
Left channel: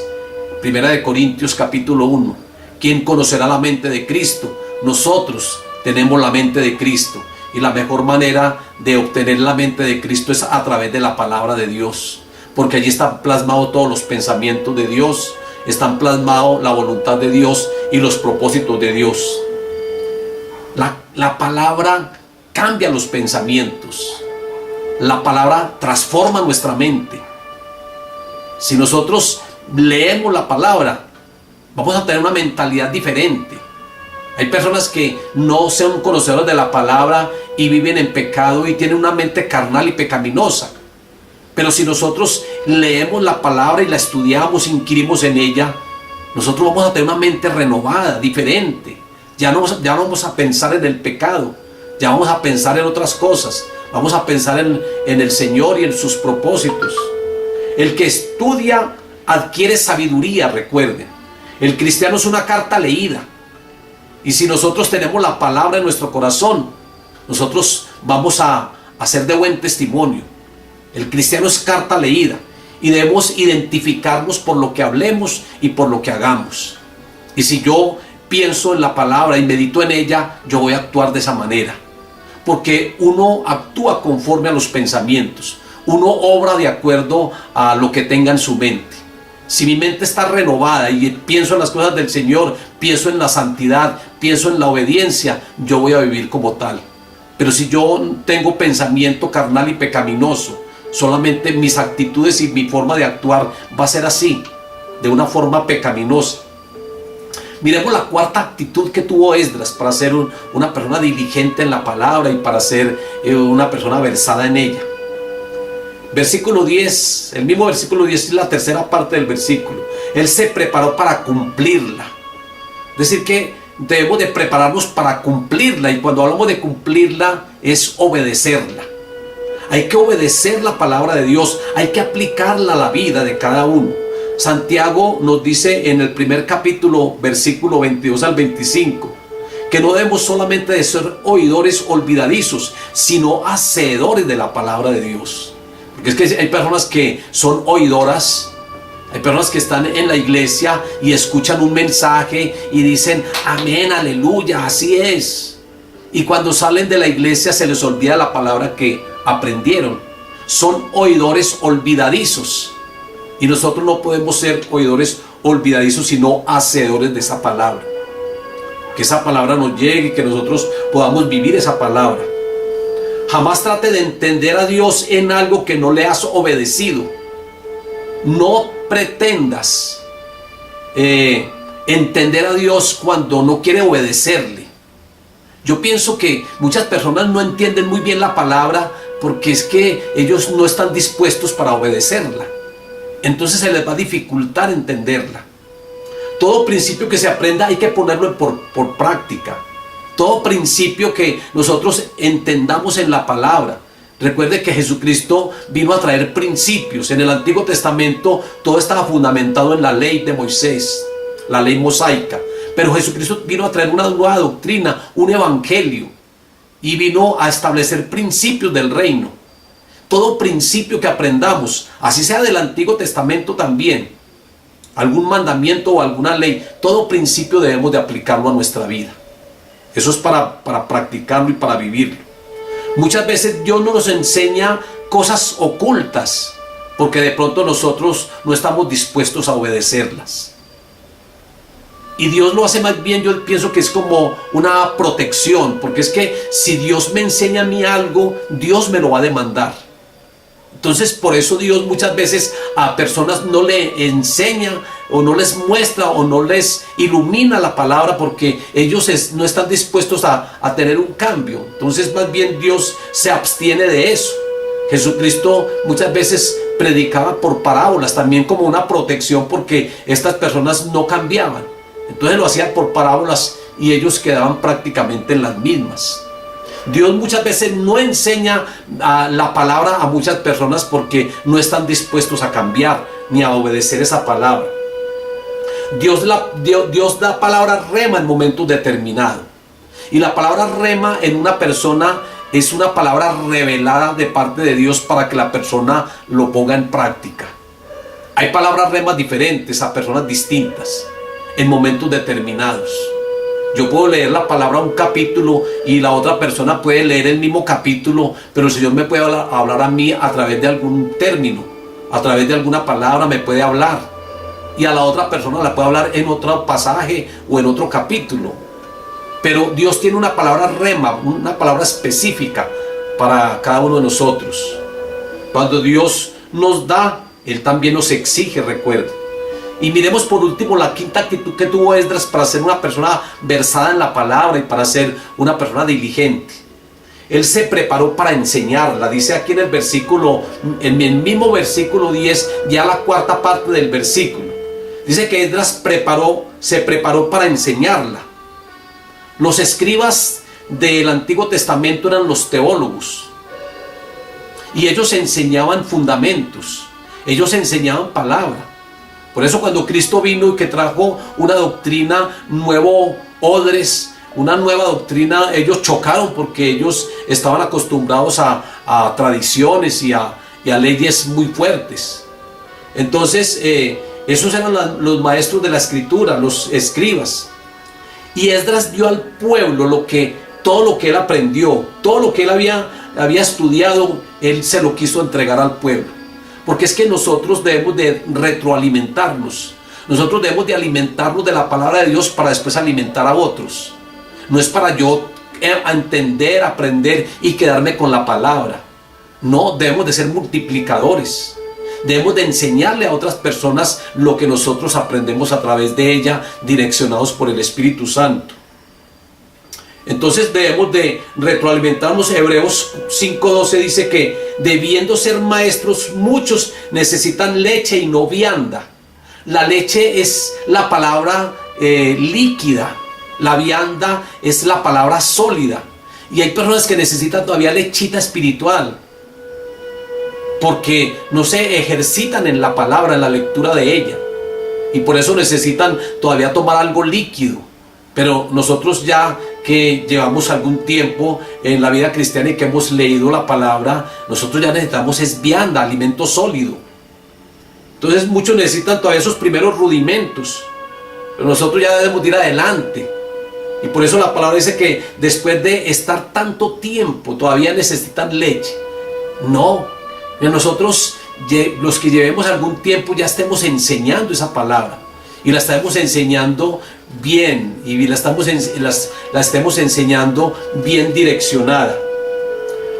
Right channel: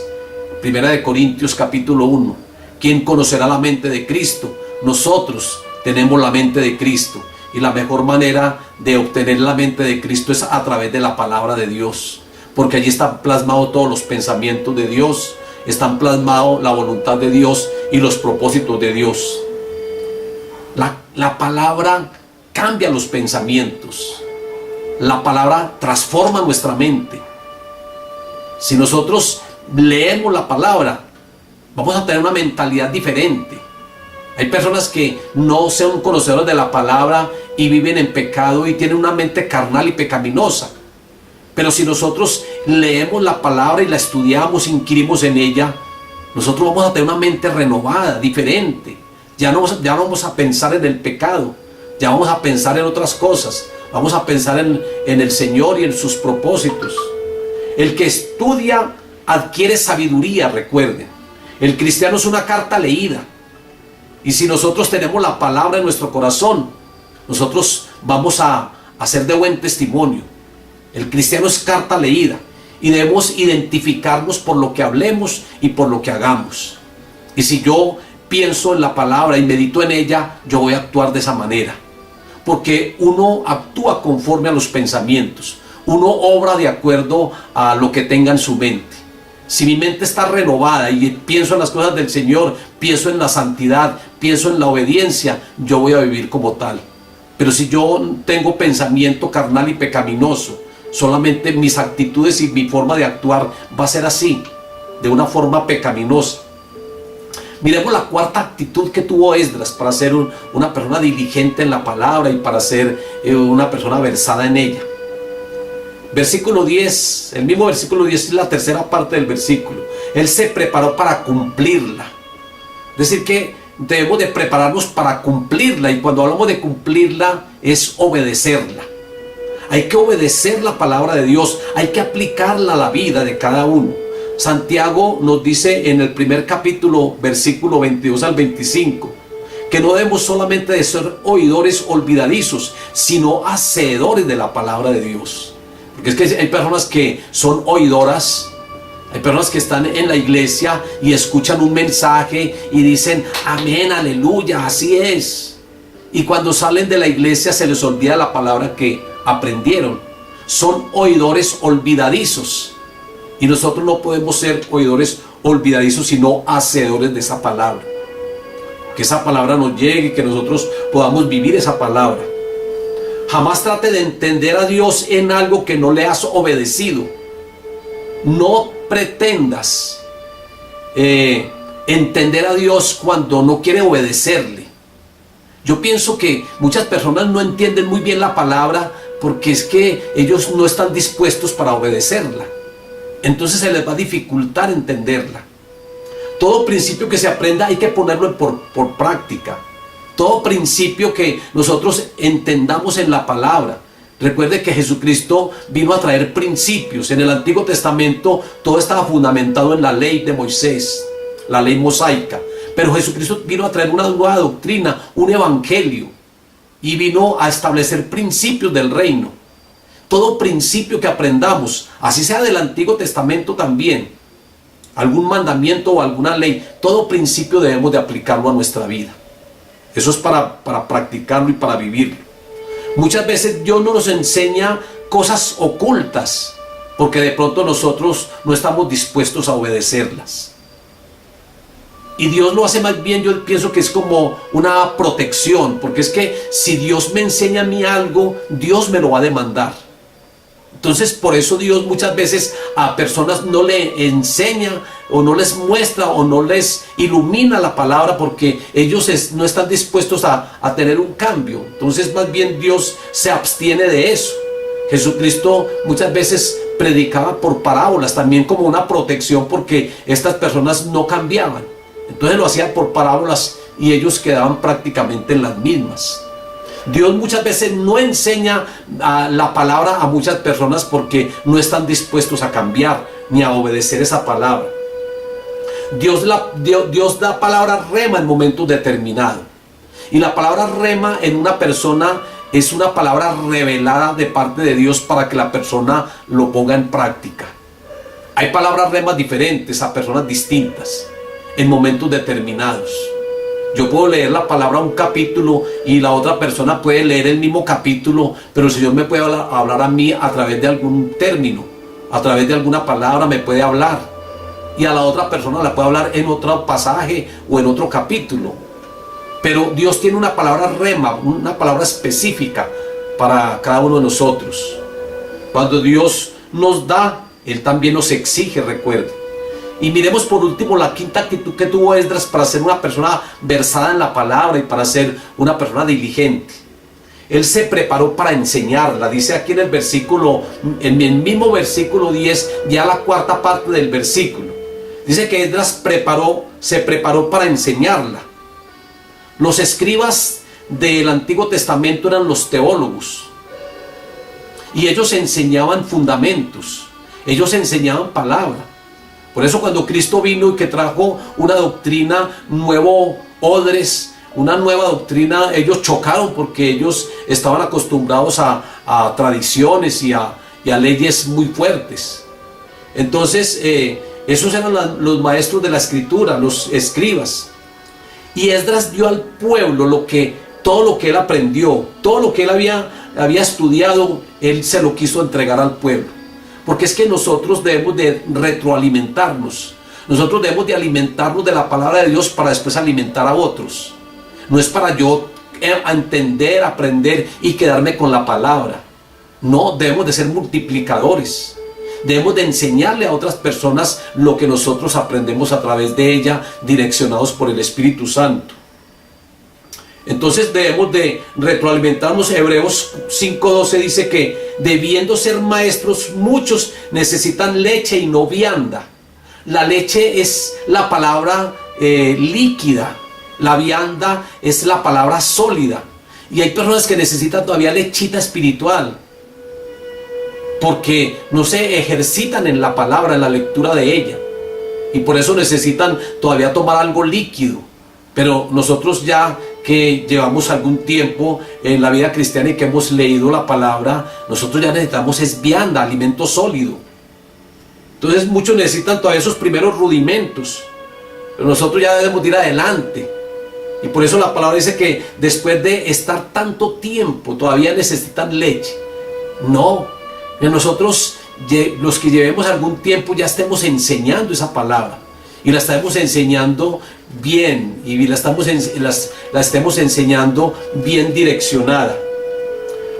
Primera de Corintios capítulo 1. ¿Quién conocerá la mente de Cristo? Nosotros tenemos la mente de Cristo. Y la mejor manera de obtener la mente de Cristo es a través de la palabra de Dios. Porque allí están plasmados todos los pensamientos de Dios. Están plasmados la voluntad de Dios y los propósitos de Dios. La palabra cambia los pensamientos. La palabra transforma nuestra mente. Si nosotros leemos la palabra, vamos a tener una mentalidad diferente. Hay personas que no son conocedores de la palabra y viven en pecado y tienen una mente carnal y pecaminosa. Pero si nosotros leemos la palabra y la estudiamos, inquirimos en ella, nosotros vamos a tener una mente renovada, diferente. Ya no vamos a pensar en el pecado, ya vamos a pensar en otras cosas. Vamos a pensar en el Señor y en sus propósitos. El que estudia adquiere sabiduría, recuerden. El cristiano es una carta leída. Y si nosotros tenemos la palabra en nuestro corazón, nosotros vamos a ser de buen testimonio. El cristiano es carta leída. Y debemos identificarnos por lo que hablemos y por lo que hagamos. Y si yo pienso en la palabra y medito en ella, yo voy a actuar de esa manera. porque uno actúa conforme a los pensamientos. Uno obra de acuerdo a lo que tenga en su mente. Si mi mente está renovada y pienso en las cosas del Señor, pienso en la santidad, pienso en la obediencia, yo voy a vivir como tal. Pero si yo tengo pensamiento carnal y pecaminoso, solamente mis actitudes y mi forma de actuar va a ser así, de una forma pecaminosa. Miremos la cuarta actitud que tuvo Esdras para ser una persona diligente en la palabra y para ser una persona versada en ella. Versículo 10, el mismo versículo 10 es la tercera parte del versículo. Él se preparó para cumplirla. Es decir que debemos de prepararnos para cumplirla, y cuando hablamos de cumplirla es obedecerla. Hay que obedecer la palabra de Dios, hay que aplicarla a la vida de cada uno. Santiago nos dice en el primer capítulo, versículo 22 al 25, que no debemos solamente de ser oidores olvidadizos, sino hacedores de la palabra de Dios. Porque es que hay personas que son oidoras, hay personas que están en la iglesia y escuchan un mensaje y dicen amén, aleluya, así es. Y cuando salen de la iglesia se les olvida la palabra que aprendieron. Son oidores olvidadizos. Y nosotros no podemos ser oidores olvidadizos, sino hacedores de esa palabra. Que esa palabra nos llegue y que nosotros podamos vivir esa palabra. Jamás trate de entender a Dios en algo que no le has obedecido. No pretendas entender a Dios cuando no quiere obedecerle. Yo pienso que muchas personas no entienden muy bien la palabra porque es que ellos no están dispuestos para obedecerla. Entonces se les va a dificultar entenderla. Todo principio que se aprenda hay que ponerlo por práctica. Todo principio que nosotros entendamos en la palabra. Recuerde que Jesucristo vino a traer principios. En el Antiguo Testamento todo estaba fundamentado en la ley de Moisés, la ley mosaica. Pero Jesucristo vino a traer una nueva doctrina, un evangelio, y vino a establecer principios del reino. Todo principio que aprendamos, así sea del Antiguo Testamento también, algún mandamiento o alguna ley, todo principio debemos de aplicarlo a nuestra vida. Eso es para practicarlo y para vivirlo. Muchas veces Dios no nos enseña cosas ocultas porque de pronto nosotros no estamos dispuestos a obedecerlas. Y Dios lo hace más bien, yo pienso que es como una protección, porque es que si Dios me enseña a mí algo, Dios me lo va a demandar. Entonces por eso Dios muchas veces a personas no le enseña o no les muestra o no les ilumina la palabra porque ellos no están dispuestos a tener un cambio. Entonces más bien Dios se abstiene de eso. Jesucristo muchas veces predicaba por parábolas también como una protección porque estas personas no cambiaban. Entonces lo hacía por parábolas y ellos quedaban prácticamente en las mismas. Dios muchas veces no enseña la palabra a muchas personas porque no están dispuestos a cambiar ni a obedecer esa palabra. Dios da palabra rema en momentos determinados. Y la palabra rema en una persona es una palabra revelada de parte de Dios para que la persona lo ponga en práctica. Hay palabras remas diferentes a personas distintas en momentos determinados. Yo puedo leer la palabra un capítulo y la otra persona puede leer el mismo capítulo, pero el Señor me puede hablar a mí a través de algún término, a través de alguna palabra me puede hablar, y a la otra persona la puede hablar en otro pasaje o en otro capítulo. Pero Dios tiene una palabra rema, una palabra específica para cada uno de nosotros. Cuando Dios nos da, Él también nos exige, recuerde. Y miremos por último la quinta actitud que tuvo Esdras para ser una persona versada en la palabra y para ser una persona diligente. Él se preparó para enseñarla. Dice aquí en el versículo, en el mismo versículo 10, ya la cuarta parte del versículo. Dice que Esdras se preparó para enseñarla. Los escribas del Antiguo Testamento eran los teólogos. Y ellos enseñaban fundamentos. Ellos enseñaban palabra. Por eso cuando Cristo vino y que trajo una doctrina, nuevo odres, una nueva doctrina, ellos chocaron porque ellos estaban acostumbrados a tradiciones y a leyes muy fuertes. Entonces, esos eran los maestros de la escritura, los escribas. Y Esdras dio al pueblo lo que todo lo que él aprendió, todo lo que él había estudiado, él se lo quiso entregar al pueblo. Porque es que nosotros debemos de retroalimentarnos. Nosotros debemos de alimentarnos de la palabra de Dios para después alimentar a otros. No es para yo entender, aprender y quedarme con la palabra. No, debemos de ser multiplicadores. Debemos de enseñarle a otras personas lo que nosotros aprendemos a través de ella, direccionados por el Espíritu Santo. Entonces debemos de retroalimentarnos. Hebreos 5:12 dice que debiendo ser maestros, muchos necesitan leche y no vianda. La leche es la palabra líquida, la vianda es la palabra sólida. Y hay personas que necesitan todavía lechita espiritual, porque no se ejercitan en la palabra, en la lectura de ella. Y por eso necesitan todavía tomar algo líquido. Pero nosotros ya que llevamos algún tiempo en la vida cristiana y que hemos leído la palabra, nosotros ya necesitamos es vianda, alimento sólido. Entonces muchos necesitan todavía esos primeros rudimentos, pero nosotros ya debemos ir adelante. Y por eso la palabra dice que después de estar tanto tiempo todavía necesitan leche. No, que nosotros los que llevemos algún tiempo ya estemos enseñando esa palabra. Y la estamos enseñando bien, y la estemos enseñando bien direccionada.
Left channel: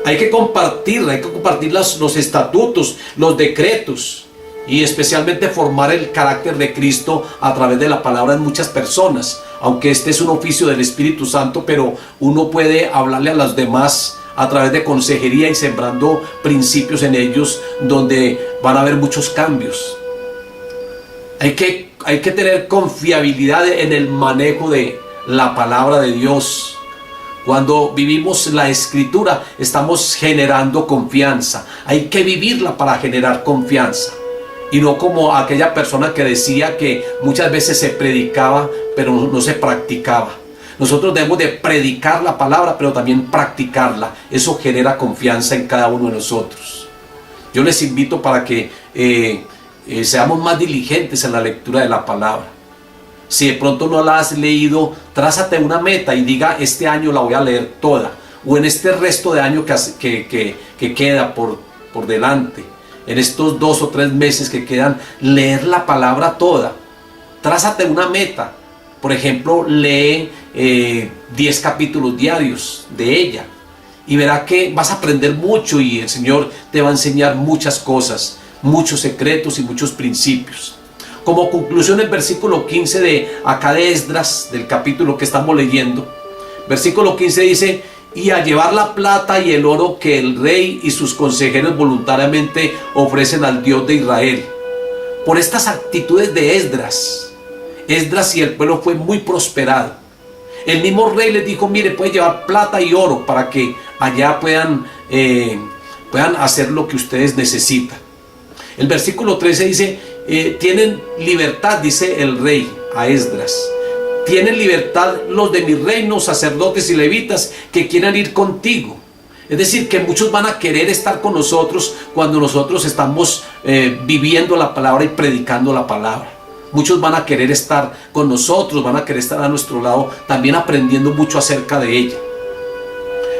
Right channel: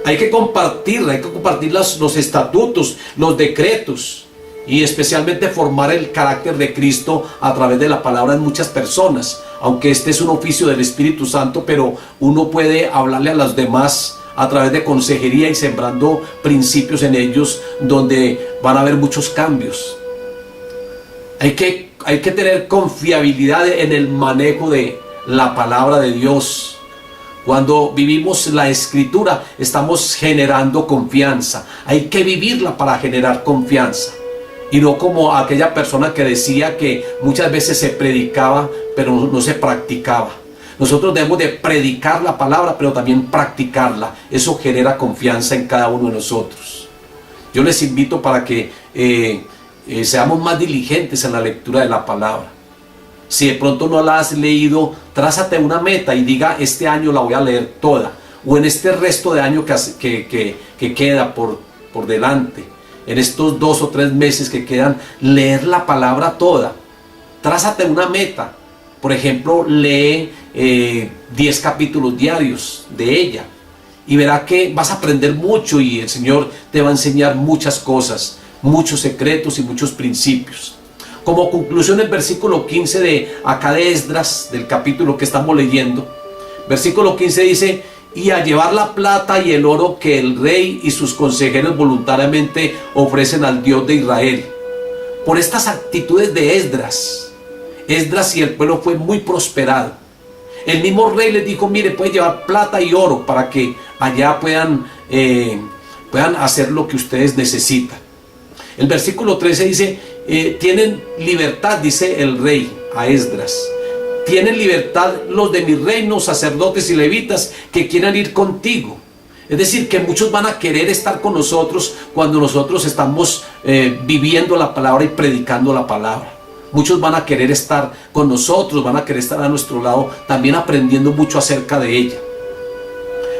Hay que compartir los estatutos, los decretos, y especialmente formar el carácter de Cristo a través de la palabra en muchas personas. Aunque este es un oficio del Espíritu Santo, pero uno puede hablarle a las demás a través de consejería y sembrando principios en ellos, donde van a haber muchos cambios. Hay que tener confiabilidad en el manejo de la palabra de Dios. Cuando vivimos la Escritura, estamos generando confianza. Hay que vivirla para generar confianza. Y no como aquella persona que decía que muchas veces se predicaba, pero no se practicaba. Nosotros debemos de predicar la palabra, pero también practicarla. Eso genera confianza en cada uno de nosotros. Yo les invito para que seamos más diligentes en la lectura de la palabra. Si de pronto no la has leído, trázate una meta y diga: este año la voy a leer toda, o en este resto de año que queda por delante, en estos 2 o 3 meses que quedan, leer la palabra toda. Trázate una meta. Por ejemplo, lee 10 capítulos diarios de ella, y verá que vas a aprender mucho, y el Señor te va a enseñar muchas cosas, muchos secretos y muchos principios. Como conclusión, el versículo 15 de acá de Esdras, del capítulo que estamos leyendo, versículo 15 dice: y a llevar la plata y el oro que el rey y sus consejeros voluntariamente ofrecen al Dios de Israel. Por estas actitudes de Esdras y el pueblo fue muy prosperado. El mismo rey les dijo: mire, puede llevar plata y oro para que allá puedan hacer lo que ustedes necesitan. El versículo 13 dice: tienen libertad, dice el rey a Esdras, tienen libertad los de mi reino, sacerdotes y levitas, que quieran ir contigo. Es decir, que muchos van a querer estar con nosotros cuando nosotros estamos viviendo la palabra y predicando la palabra. Muchos van a querer estar con nosotros, van a querer estar a nuestro lado, también aprendiendo mucho acerca de ella.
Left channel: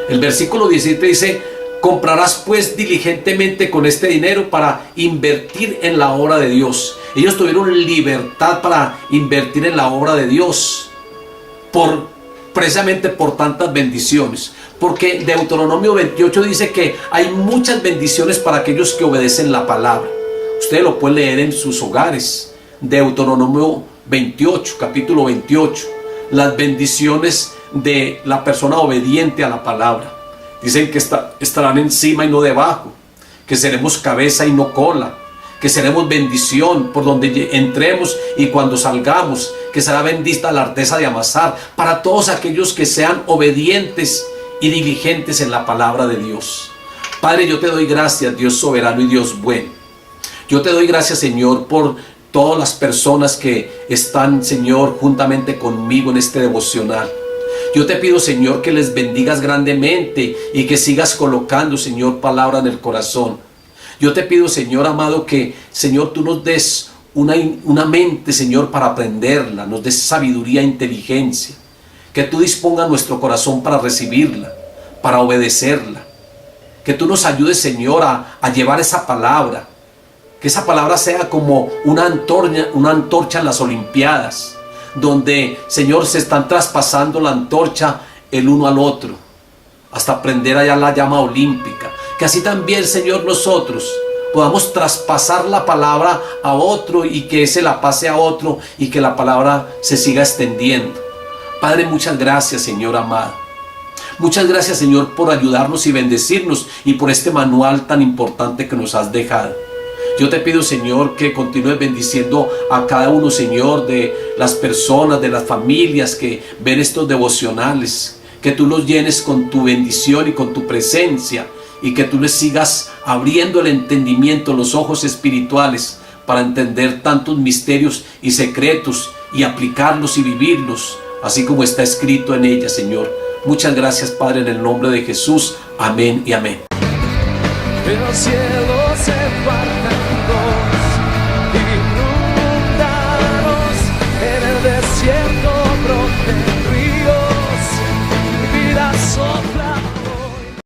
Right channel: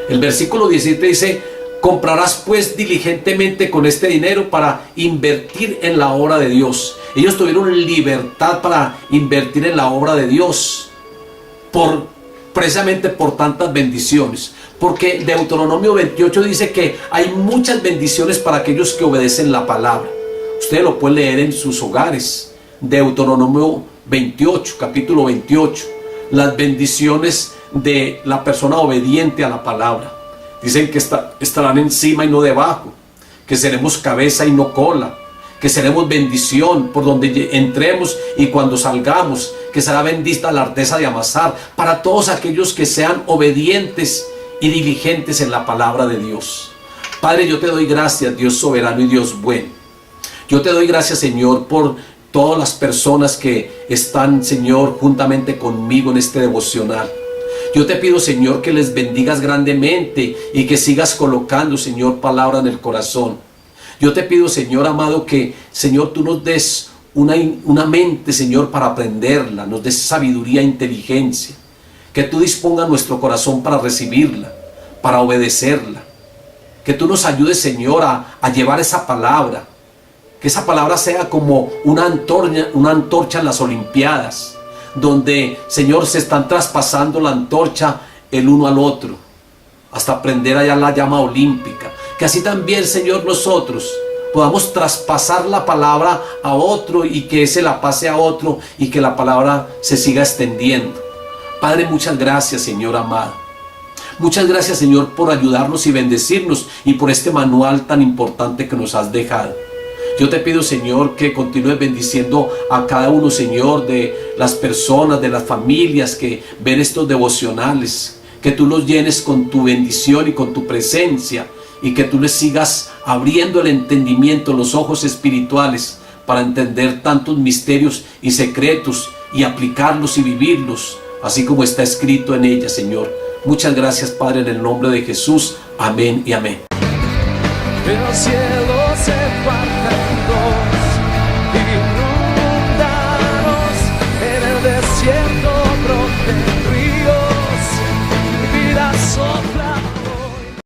El versículo 17 dice: comprarás pues diligentemente con este dinero para invertir en la obra de Dios. Ellos tuvieron libertad para invertir en la obra de Dios, precisamente por tantas bendiciones. Porque Deuteronomio 28 dice que hay muchas bendiciones para aquellos que obedecen la palabra. Ustedes lo pueden leer en sus hogares. Deuteronomio 28, capítulo 28. Las bendiciones de la persona obediente a la palabra. Dicen que estarán encima y no debajo, que seremos cabeza y no cola, que seremos bendición por donde entremos y cuando salgamos, que será bendita la arteza de amasar, para todos aquellos que sean obedientes y diligentes en la palabra de Dios. Padre, yo te doy gracias, Dios soberano y Dios bueno. Yo te doy gracias, Señor, por todas las personas que están, Señor, juntamente conmigo en este devocional. Yo te pido, Señor, que les bendigas grandemente y que sigas colocando, Señor, palabra en el corazón. Yo te pido, Señor amado, que, Señor, tú nos des una mente, Señor, para aprenderla, nos des sabiduría e inteligencia. Que tú dispongas nuestro corazón para recibirla, para obedecerla. Que tú nos ayudes, Señor, a llevar esa palabra. Que esa palabra sea como una antorcha en las Olimpiadas, donde, Señor, se están traspasando la antorcha el uno al otro, hasta prender allá la llama olímpica. Que así también, Señor, nosotros podamos traspasar la palabra a otro y que ese la pase a otro y que la palabra se siga extendiendo. Padre, muchas gracias, Señor amado. Muchas gracias, Señor, por ayudarnos y bendecirnos y por este manual tan importante que nos has dejado. Yo te pido, Señor, que continúes bendiciendo a cada uno, Señor, de las personas, de las familias que ven estos devocionales. Que tú los llenes con tu bendición y con tu presencia y que tú les sigas abriendo el entendimiento, los ojos espirituales para entender tantos misterios y secretos y aplicarlos y vivirlos, así como está escrito en ella, Señor. Muchas gracias, Padre, en el nombre de Jesús. Amén y amén. El cielo se parte en dos, inundados en el desierto brote.